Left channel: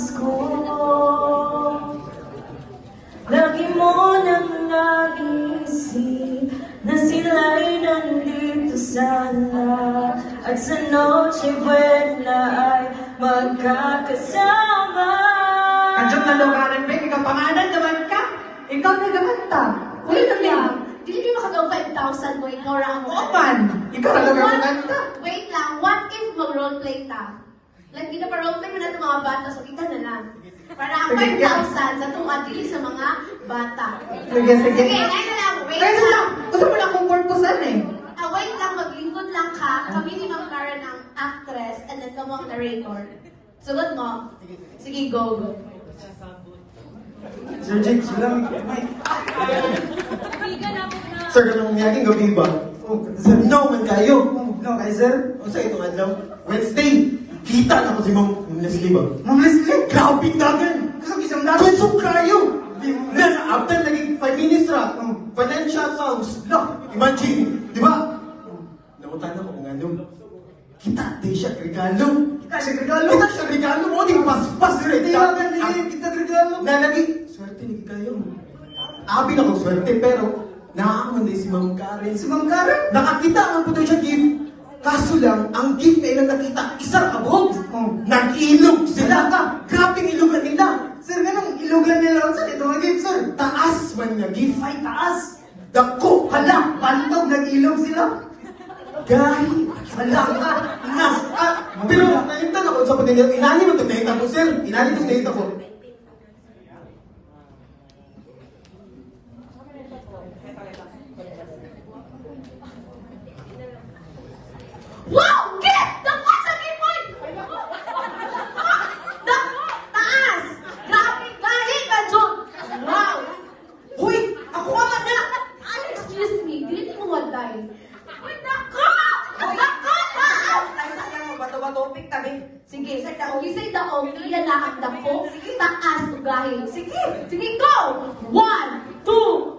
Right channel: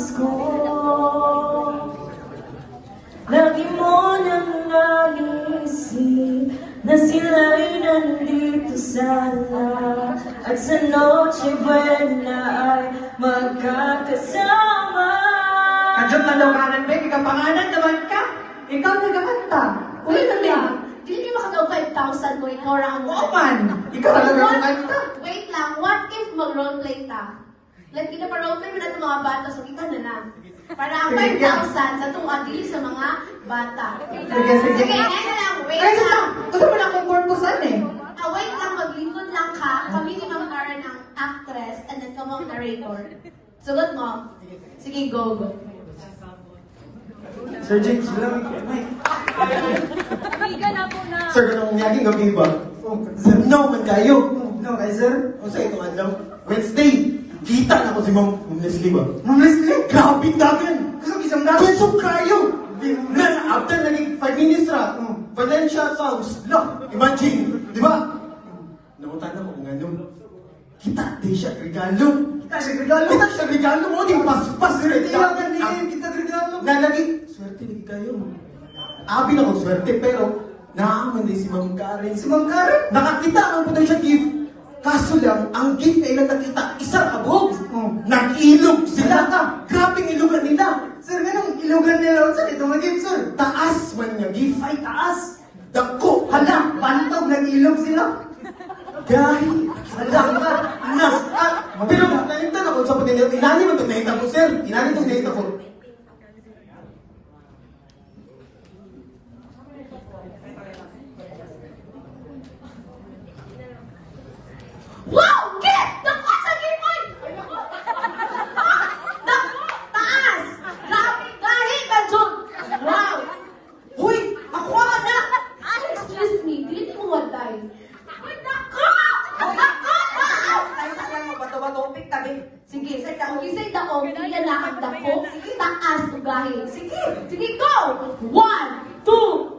oras ko. Lagi mo nang nagising na sila'y nandito sana, at sa Noche Buena ay magkakasama. Kadyan malukaran ba? Ikapangalan naman ka. Ikaw nagkakanta. Uy, Wait namin. lang. Dili mo makagaw 5,000 ko ikaw lang mo. Oman. Ikaw na nagkakanta. Wait lang. What if mag-roleplay ta? Like, kita pa roleplay mo na itong mga bata, so kita na lang. Para ang 5,000 sa itong adili sa mga bata. Sige, sige. Sige, ayun na lang. Wait Kaya lang. lang. Gusto mo na akong purposean eh. Wait lang. Maglingkod lang ka. Kami ni Ma'am Kara ng actress and then kamo ang narrator. Sugot mo. Sige, go, go. Sir Jake, wala Sir, kanang ngayong gabi ba? Sir, no man kayo. No, kay sir? O sa ito, ano? Wednesday, kita na ko si Ma'am Leslie ba? Ma'am Leslie? Grabe dagan! Kasi isang dagan! Kusog kayo! Na, after naging 5 minutes ra, financial sounds, look, imagine, di ba? Nakutan na ko kung ano. Kita, di siya regalo. Kita siya regalo mo, di pas-pas rin. Kita regalo. Nalagi, swerte ni kayo. Abi na kong swerte, pero nakakaman din si Ma'am Karen. Si Ma'am Karen? Nakakita ang puto siya gift. Kaso lang, ang gift na ilang nakita, isang kabog. Nag-ilog sila. Grabe ilugan nila. Sir, ganun, ilugan nila. Sir, ito ang gift, sir. Taas man nga gift. Ay, taas. Dako, hala, pantog, nag-ilog sila. Gari, hala, nas. Pero, nalimtan ako sa puto niya. Inani mo ito, nakita ko, sir. Inani ito, nakita ko. Wow! Get! Dako sa gimoy! Taas! Grabe! Gahi ka, John! Wow! Huy, ako ang anak. Excuse me, dili mo waday. Dako! Dako! Taas! Ay, saan mo ba ito matupik tabi? Sige, sa dako. Gisay dako, pila na ang dako. Taas, gahi. Sige, go! 1, 2,